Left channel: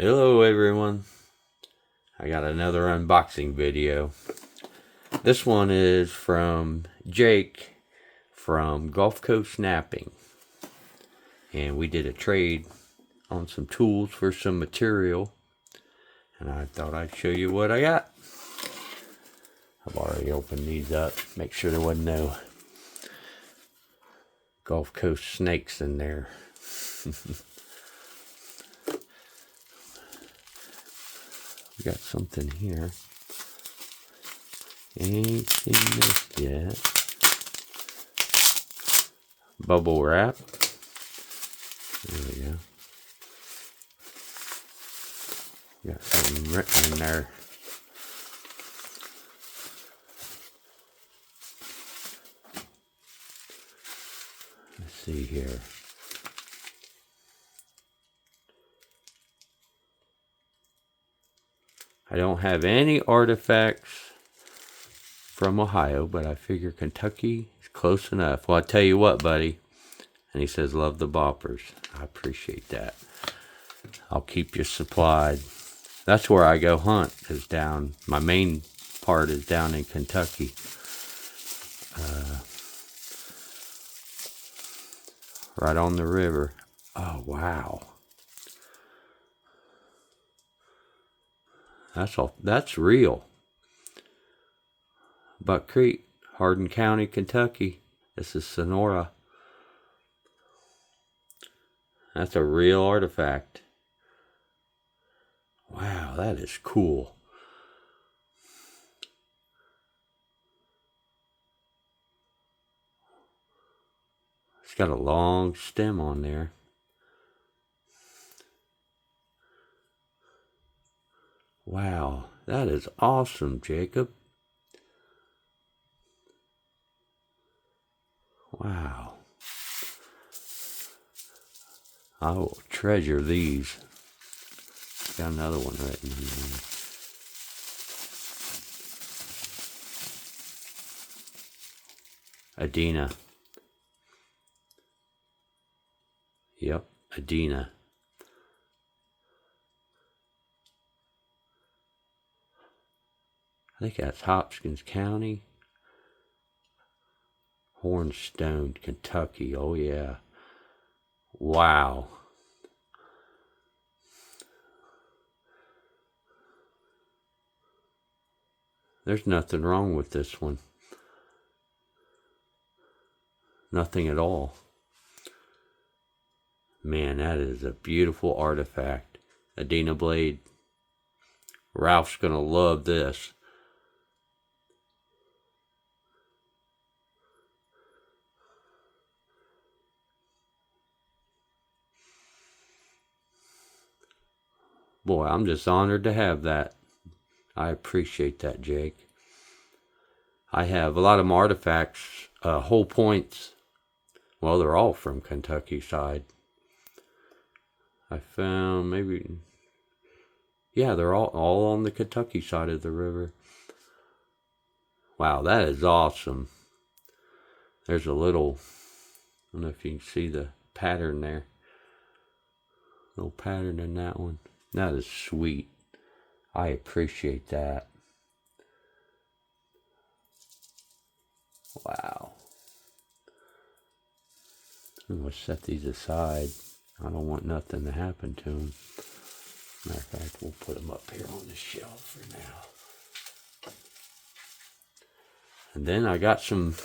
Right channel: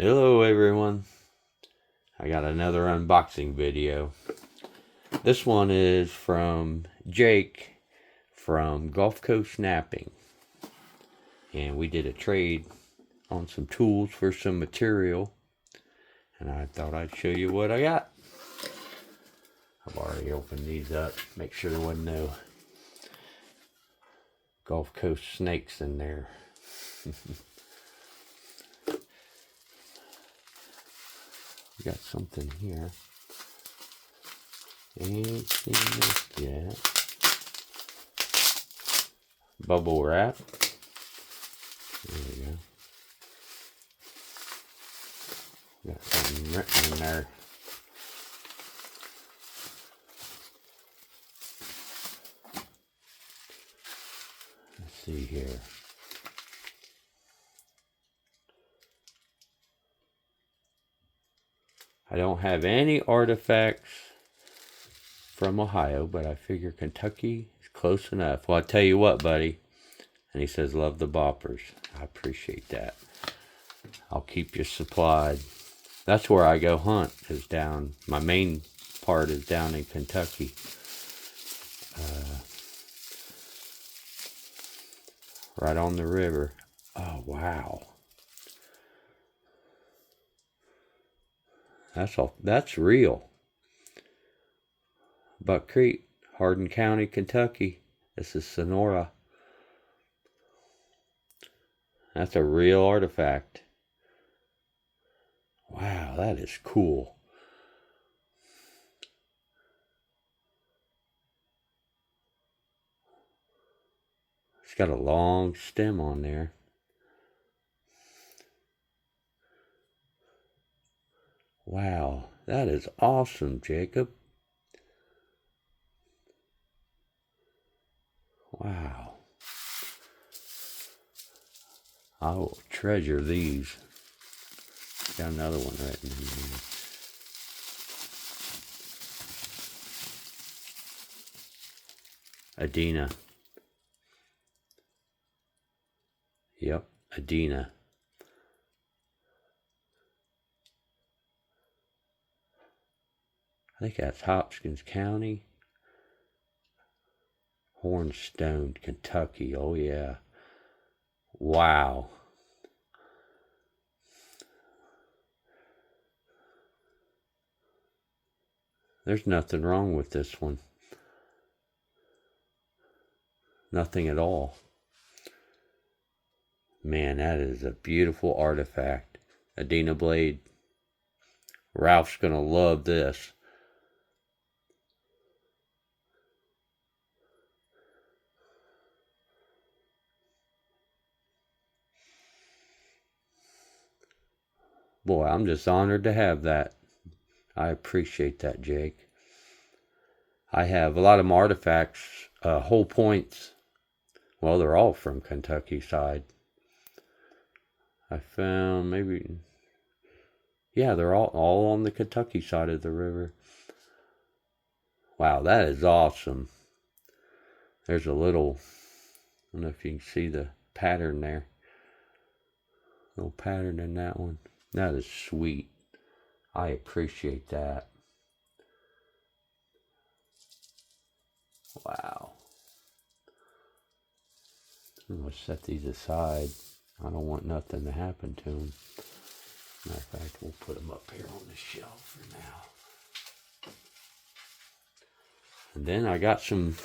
Hello everyone, I got another unboxing video. This one is from Jake from Gulfcoastknapping, and we did a trade on some tools for some material, and I thought I'd show you what I got. I've already opened these up, make sure there wasn't no Gulf Coast snakes in there. We got something here. Ain't seen this yet. Bubble wrap. There we go. Got something written in there. Let's see here. I don't have any artifacts from Ohio, but I figure Kentucky is close enough. Well, I tell you what, buddy. And he says, love the boppers. I appreciate that. I'll keep you supplied. That's where I go hunt, because my main part is down in Kentucky. Right on the river. Oh, wow. That's real. Buck Creek, Hardin County, Kentucky. This is Sonora. That's a real artifact. Wow, that is cool. It's got a long stem on there. Wow, that is awesome, Jacob. Wow. I will treasure these. Got another one written in there. Adina. Yep, Adina. I think that's Hopkins County. Hornstone, Kentucky. Oh, yeah. Wow. There's nothing wrong with this one. Nothing at all. Man, that is a beautiful artifact. Adina blade. Ralph's going to love this. Boy, I'm just honored to have that. I appreciate that, Jake. I have a lot of artifacts, whole points. Well, they're all from Kentucky side. I found maybe, yeah, they're all on the Kentucky side of the river. Wow, that is awesome. There's a little, I don't know if you can see the pattern there. Little pattern in that one. That is sweet. I appreciate that. Wow. I'm going to set these aside. I don't want nothing to happen to them. Matter of fact, we'll put them up here on the shelf for now. And then I got some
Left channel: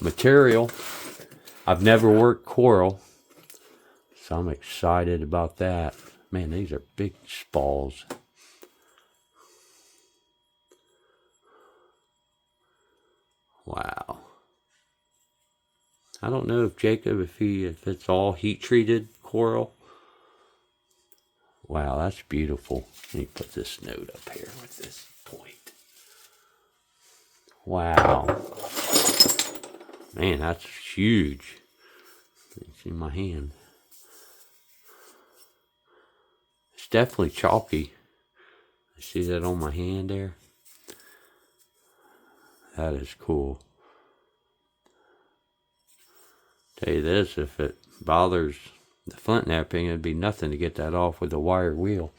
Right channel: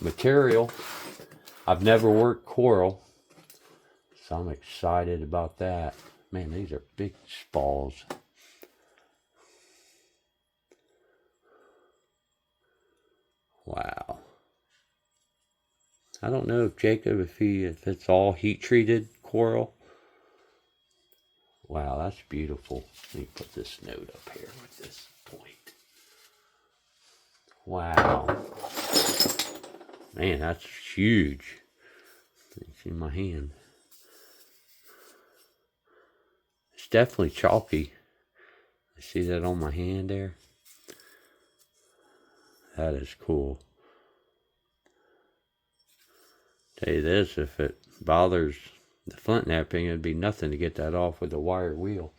material. I've never worked coral, so I'm excited about that. Man, these are big spalls. Wow. I don't know if Jacob, if it's all heat treated coral. Wow, that's beautiful. Let me put this note up here with this point. Wow. Man, that's huge. It's in my hand. It's definitely chalky. You see that on my hand there? That is cool. Tell you this, if it bothers the flint knapping, it'd be nothing to get that off with a wire wheel.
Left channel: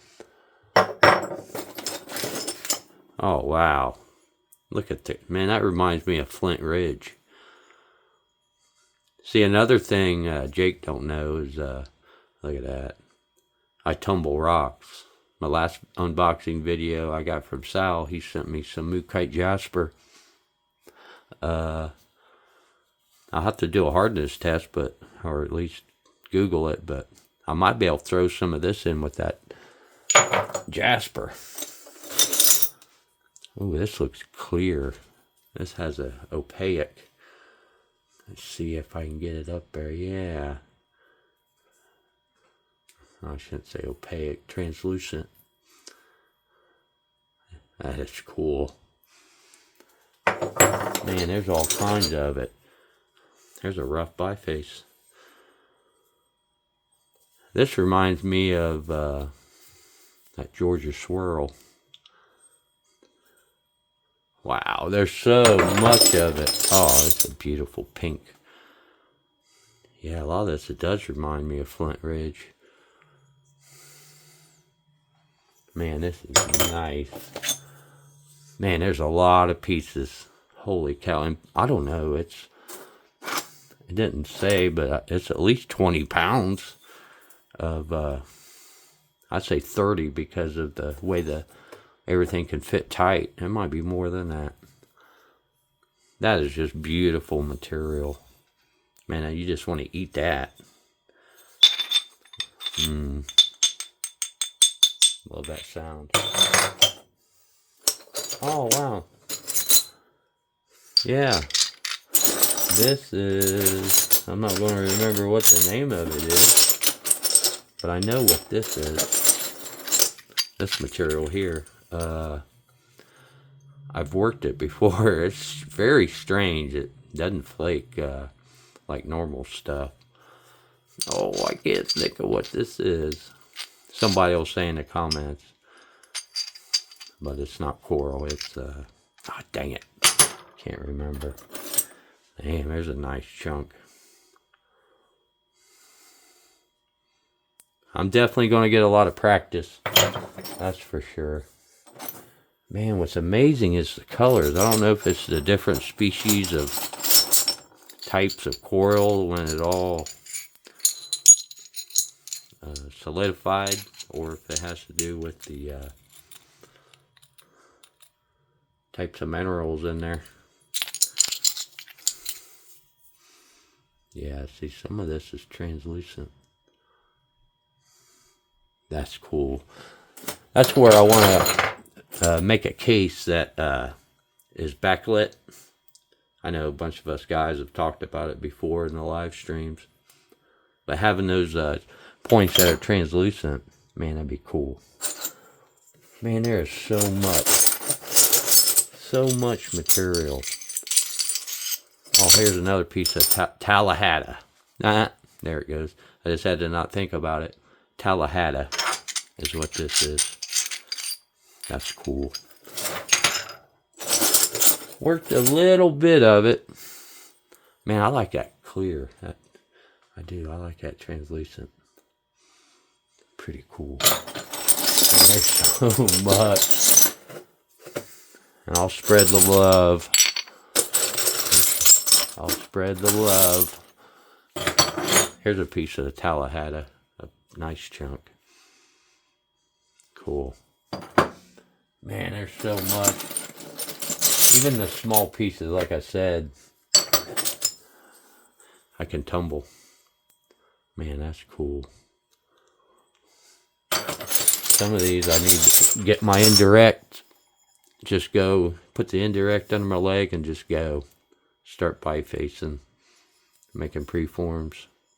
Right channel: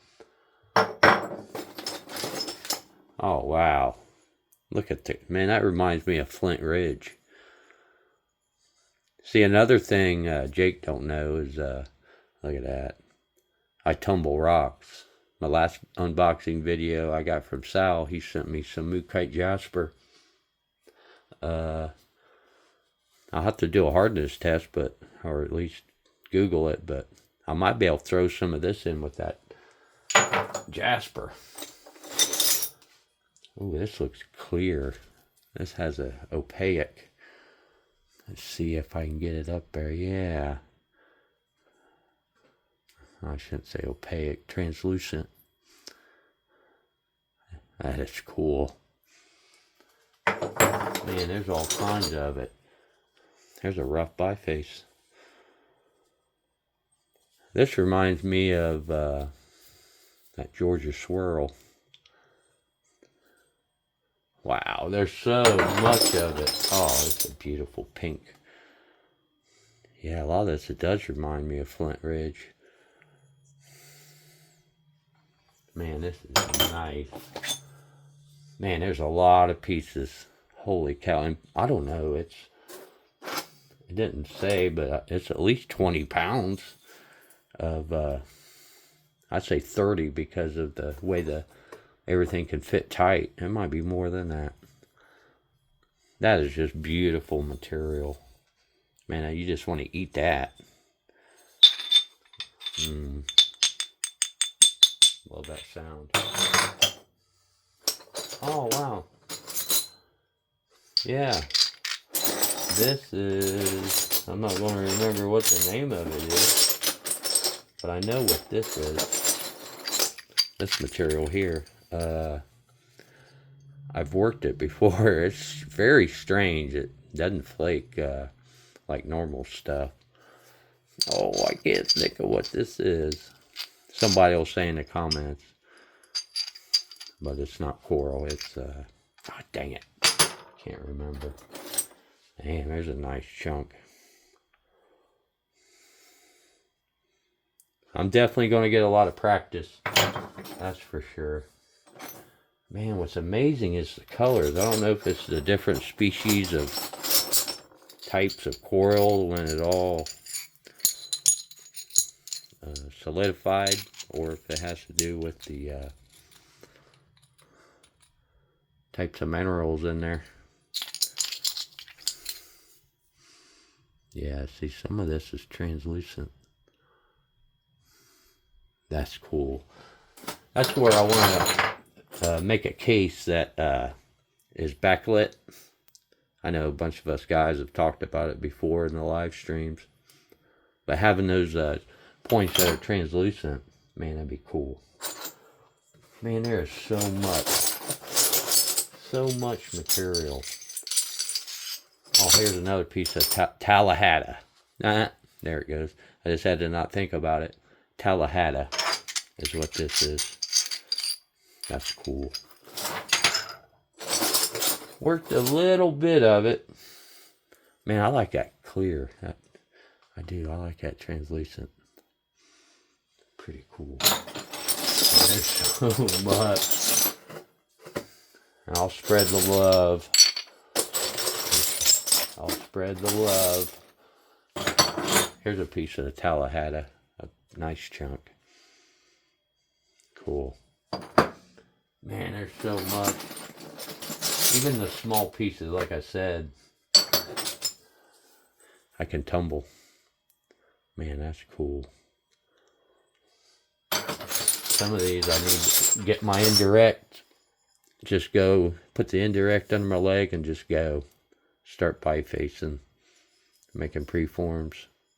Oh, wow. Look at that. Man, that reminds me of Flint Ridge. See, another thing Jake don't know is, look at that. I tumble rocks. My last unboxing video I got from Sal, he sent me some Mookite Jasper. I'll have to do a hardness test, or at least Google it, but I might be able to throw some of this in with that Jasper. Ooh, this looks clear. This has a opaque. Let's see if I can get it up there. Yeah. I shouldn't say opaque, translucent. That is cool. Man, there's all kinds of it. There's a rough biface. This reminds me of that Georgia swirl. Wow, there's so much of it. Oh, it's a beautiful pink. Yeah, a lot of this, it does remind me of Flint Ridge. Man, this is nice. Man, there's a lot of pieces. Holy cow. And I don't know, it didn't say, but it's at least 20 pounds of, I'd say 30 because of the way everything can fit tight. It might be more than that. That is just beautiful material. Man, you just want to eat that. Love that sound. Oh, wow. Yeah. This is, I'm not going to remember what the name of it is, but I know what this is. This material here. I've worked it before. It's very strange. It doesn't flake like normal stuff. Oh, I can't think of what this is. Somebody will say in the comments. But it's not coral. It's, oh, dang it. Can't remember. Damn, there's a nice chunk. I'm definitely going to get a lot of practice. That's for sure. Man, what's amazing is the colors. I don't know if it's the different species of types of coral when it all solidified, or if it has to do with the types of minerals in there. Yeah, see, some of this is translucent. That's cool. That's where I want to make a case that is backlit. I know a bunch of us guys have talked about it before in the live streams. But having those points that are translucent, man, that'd be cool. Man, there is so much material. Oh, here's another piece of Tallahassee. There it goes. I just had to not think about it. Tallahassee is what this is. That's cool. Worked a little bit of it. Man, I like that clear. I do. I like that translucent. Pretty cool. Man, there's so much. And I'll spread the love. I'll spread the love. Here's a piece of the Tallahassee. A nice chunk. Cool. Man, there's so much. Even the small pieces, like I said, I can tumble. Man, that's cool. Some of these I need to get my indirect. Just go, put the indirect under my leg and just go. Start bifacing. Making preforms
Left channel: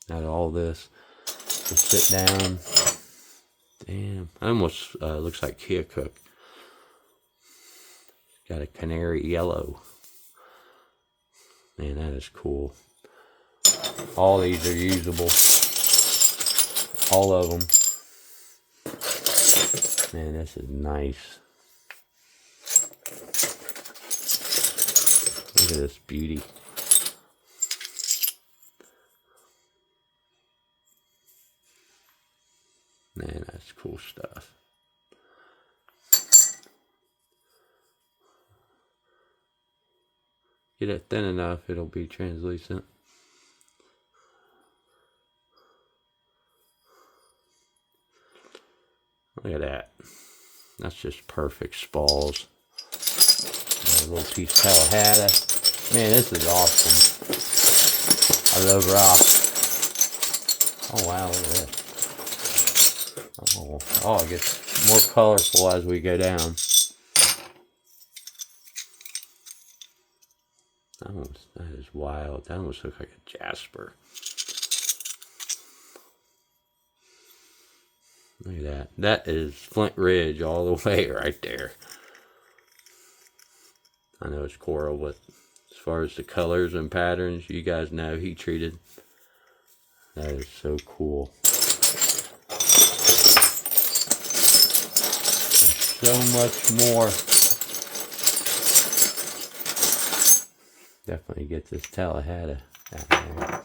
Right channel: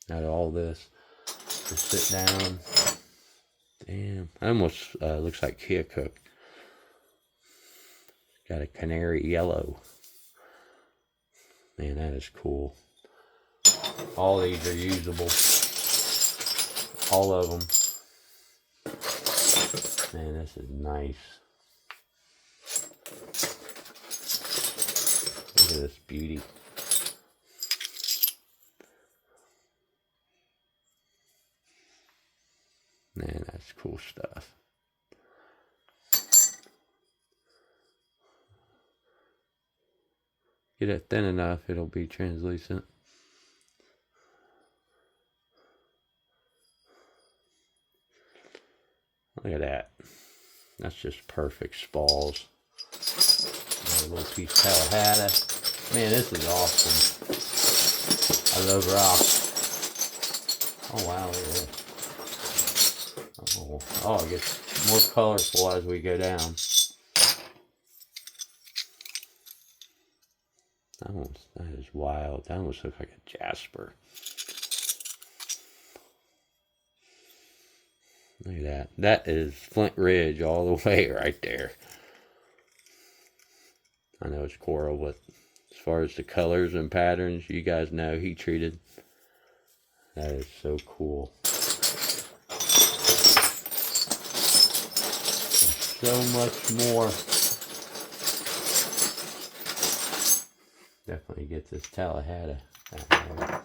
out of all this. Just sit down. Damn. Almost looks like Keokuk. Got a canary yellow. Man, that is cool. All these are usable. All of them. Man, this is nice. Look at this beauty. Man, that's cool stuff. Get it thin enough, it'll be translucent. Look at that. That's just perfect spalls. A little piece of Tallahassee. Man, this is awesome. I love rocks. Oh wow, look at this. Oh, it gets more colorful as we go down. That is wild. That almost looks like a jasper. Look at that. That is Flint Ridge all the way right there. I know it's coral, but as far as the colors and patterns, you guys know heat treated. That is so cool. There's so much more. Definitely get this Tallahassee out there.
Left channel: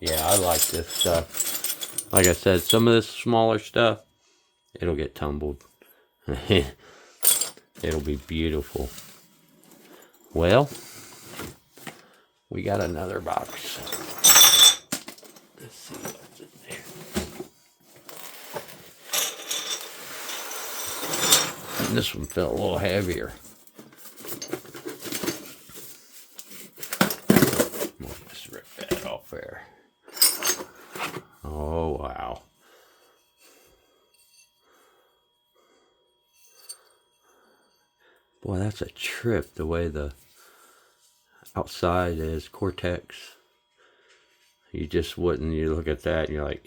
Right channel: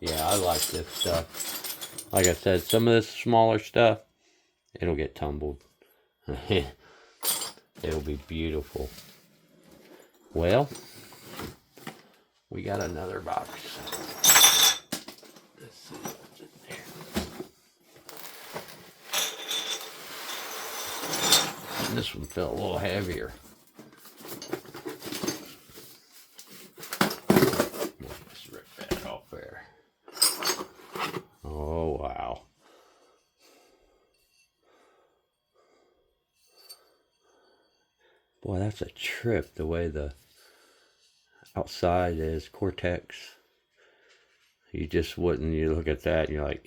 Yeah, I like this stuff. Like I said, some of this smaller stuff, it'll get tumbled. It'll be beautiful. Well, we got another box. Let's see what's in there. And this one felt a little heavier. Let's rip that off there. Oh, wow. Boy, that's a trip, the way the outside is Cortex. You just wouldn't, you look at that and you're like,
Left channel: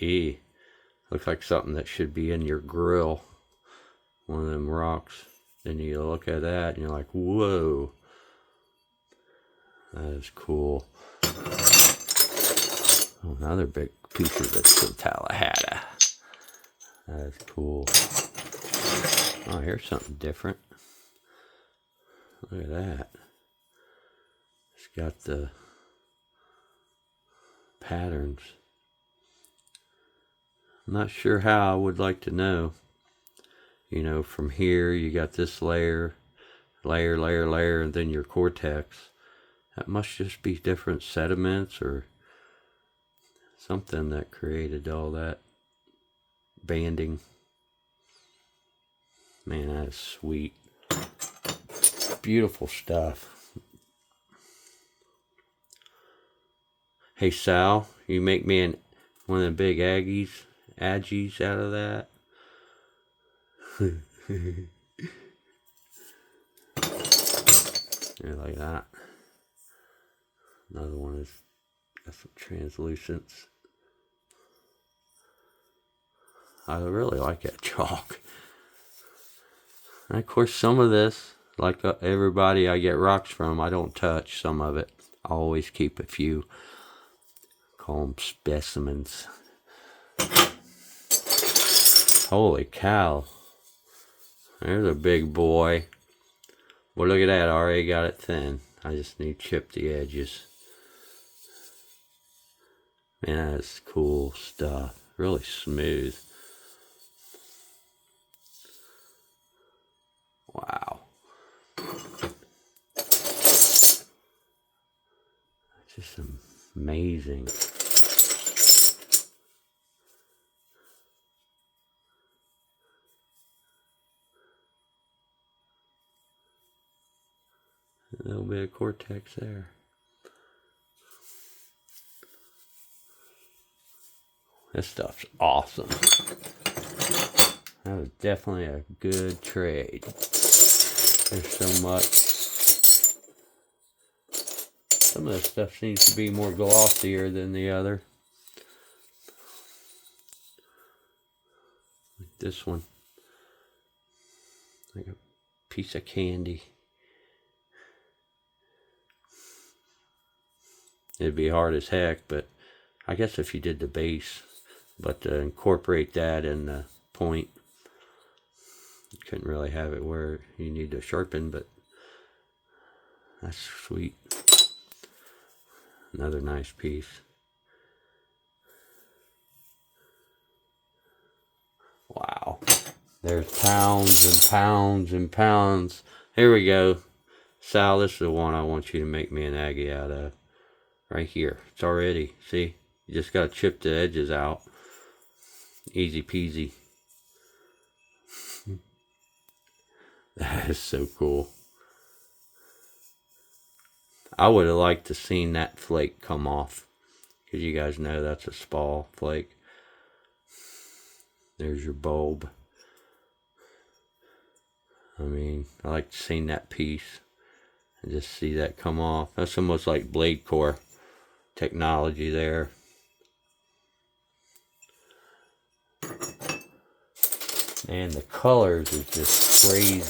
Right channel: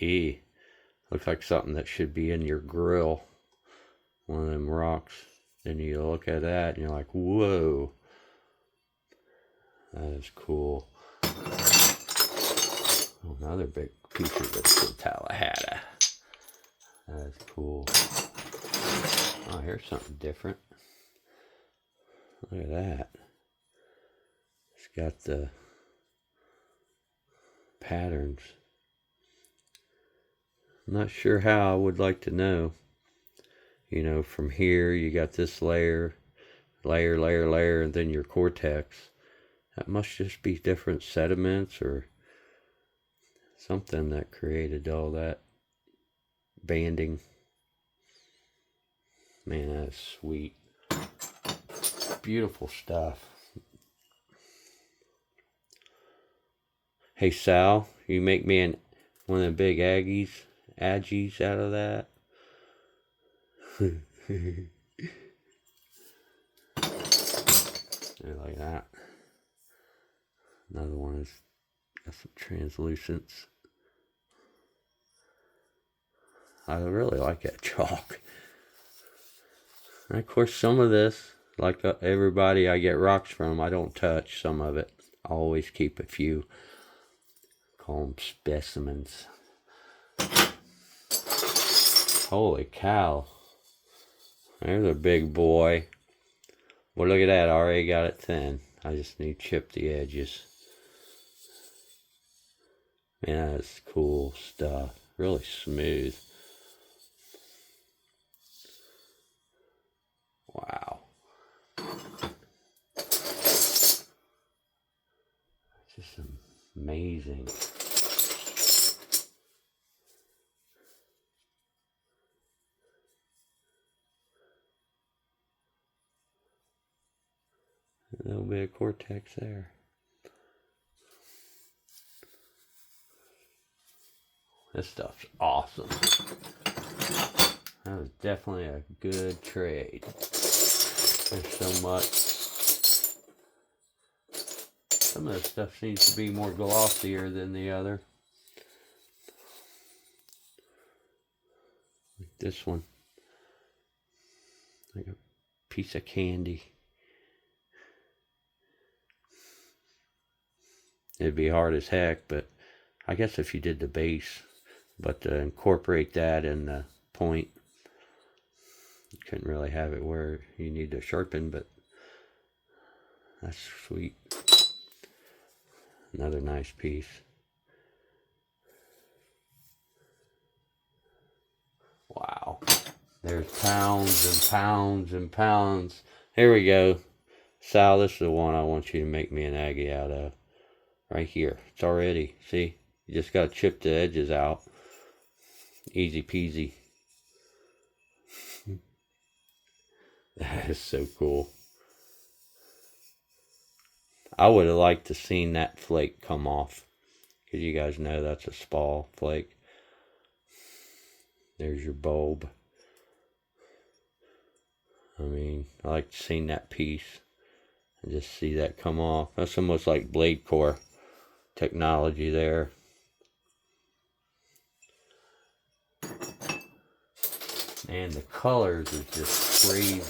looks like something that should be in your grill. One of them rocks. Then you look at that and you're like, whoa. That is cool. Oh, another big piece of this Tallahassee. That is cool. Oh, here's something different. Look at that. It's got the patterns. I'm not sure how. I would like to know. You know, from here you got this layer, and then your Cortex. That must just be different sediments or something that created all that banding. Man, that is sweet. Beautiful stuff. Hey Sal, you make me one of the big Aggies out of that. Yeah, like that. Another one is got some translucence. I really like that chalk. And of course, some of this, like everybody I get rocks from, I don't touch some of it. I always keep a few. Call them specimens. Holy cow. There's a big boy. Well, look at that. I already got it thin. I just need to chip the edges. Man, that's cool stuff. Really smooth. Wow. It's just amazing. A little bit of Cortex there. This stuff's awesome. That was definitely a good trade. There's so much. Some of this stuff seems to be more glossier than the other. Like this one. Like a piece of candy. It'd be hard as heck, but I guess if you did the base, but to incorporate that in the point, you couldn't really have it where you need to sharpen, but that's sweet. Another nice piece. There's pounds and pounds and pounds. Here we go. Sal, this is the one I want you to make me an Aggie out of. Right here. It's already, see? You just got to chip the edges out. Easy peasy. That is so cool. I would have liked to seen that flake come off. Because you guys know that's a spall flake. There's your bulb. I mean, I like to see that piece. And just see that come off. That's almost like blade core technology there. And the colors is just crazy.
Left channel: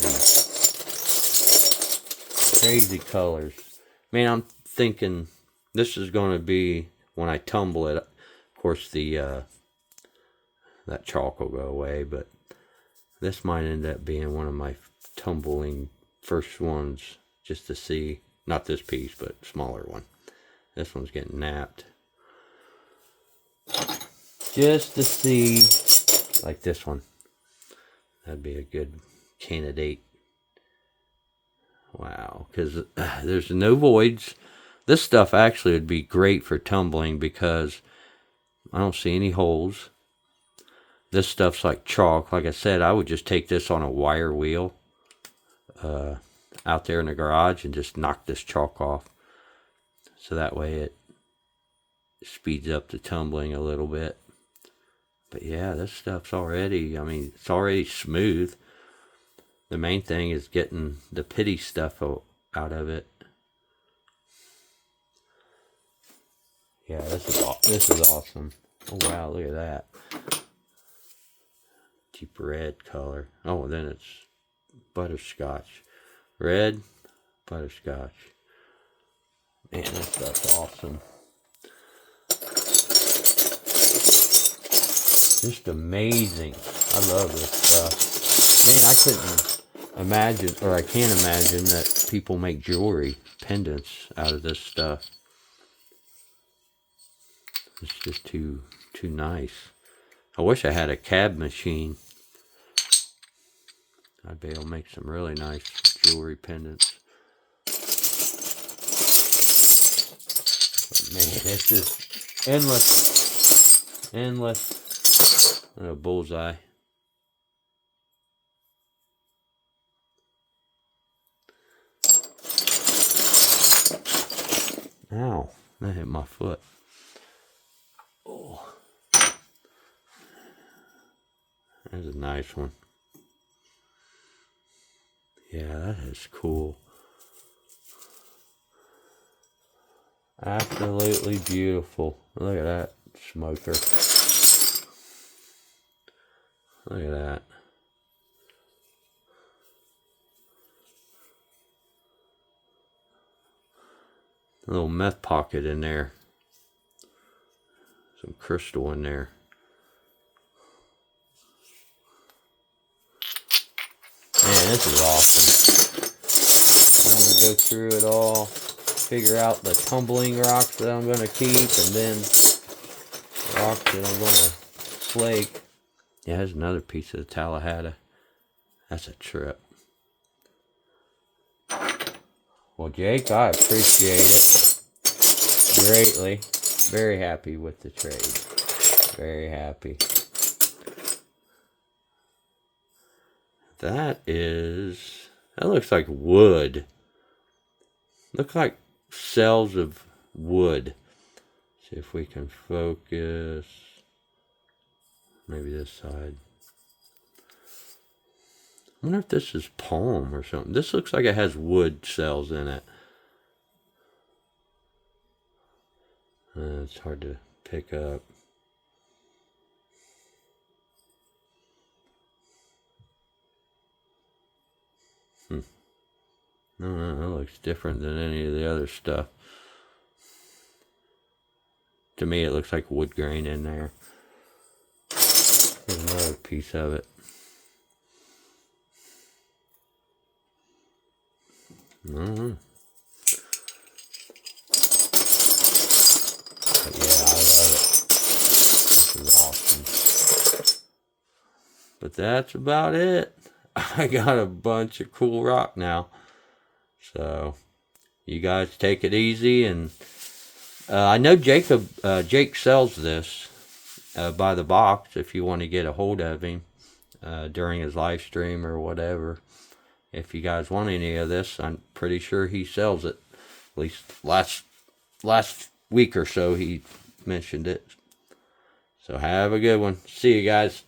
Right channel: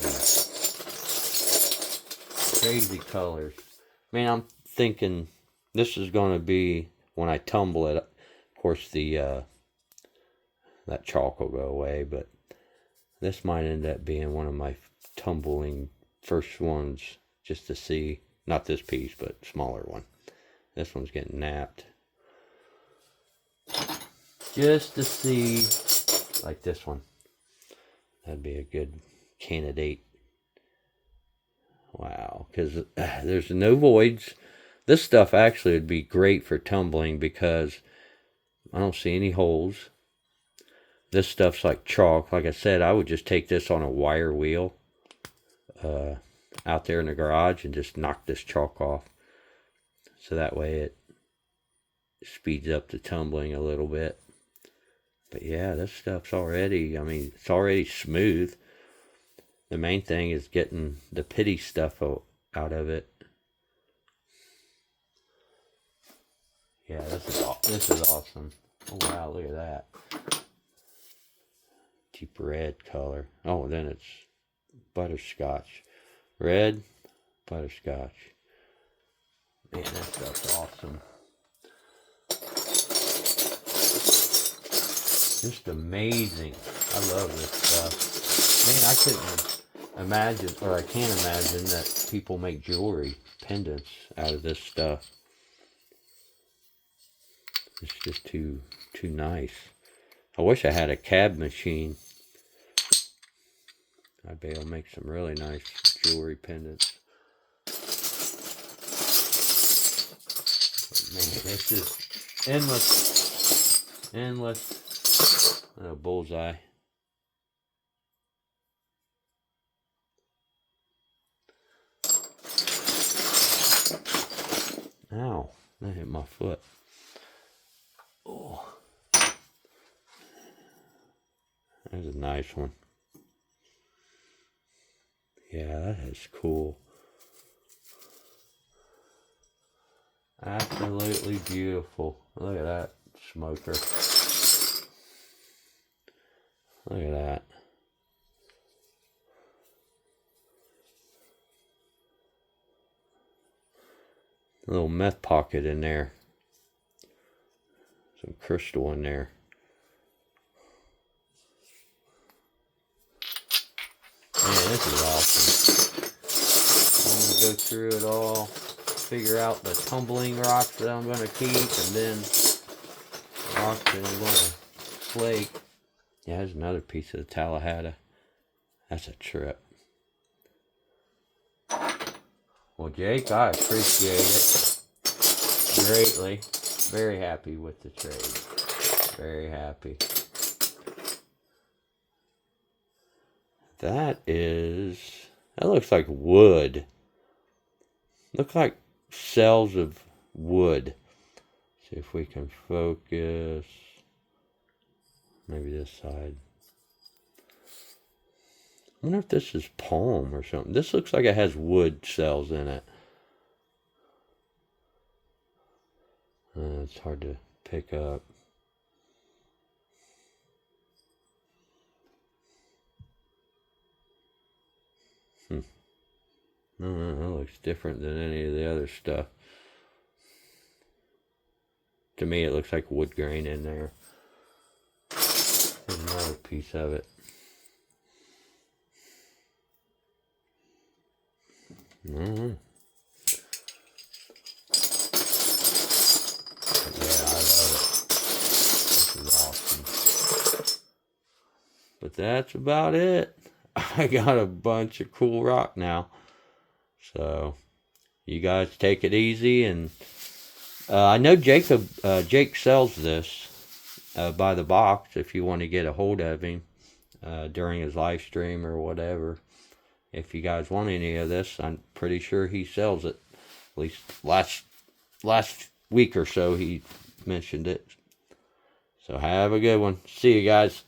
Crazy colors. I mean, I'm thinking this is going to be, when I tumble it, of course the that chalk will go away, but this might end up being one of my tumbling first ones just to see. Not this piece, but smaller one. This one's getting napped. Just to see, like this one. That'd be a good candidate. Wow, because there's no voids. This stuff actually would be great for tumbling because I don't see any holes. This stuff's like chalk. Like I said, I would just take this on a wire wheel out there in the garage and just knock this chalk off. So that way it speeds up the tumbling a little bit. But yeah, this stuff's already, I mean, it's already smooth. The main thing is getting the pity stuff out of it. Yeah, this is awesome. Oh wow, look at that. Deep red color. Oh, then it's butterscotch. Red, butterscotch. Man, this stuff's awesome. Just amazing. I love this stuff. Man, I couldn't imagine, or I can't imagine that people make jewelry, pendants out of this stuff. It's just too nice. I wish I had a cab machine. I'd be able to make some really nice jewelry pendants. But man, it's just endless. Oh, bullseye. Ow, that hit my foot. Oh, there's a nice one. Yeah, that is cool. Absolutely beautiful. Look at that smoker. Look at that. A little meth pocket in there. Some crystal in there. Man, this is awesome. I'm going to go through it all. Figure out the tumbling rocks that I'm going to keep. And then rocks that I'm going to flake. Yeah, there's another piece of the Tallahassee. That's a trip. Well, Jake, I appreciate it greatly. Very happy with the trade. Very happy. That looks like wood. Looks like cells of wood. See if we can focus. Maybe this side. I wonder if this is palm or something. This looks like it has wood cells in it. It's hard to pick up. No, that looks different than any of the other stuff. To me, it looks like wood grain in there. There's another piece of it. Yeah, I love it. This is awesome. But that's about it. I got a bunch of cool rock now. So you guys take it easy, and I know Jake sells this by the box if you want to get a hold of him during his live stream or whatever. If you guys want any of this, I'm pretty sure he sells it. At least last week or so he mentioned it. So have a good one. See you guys.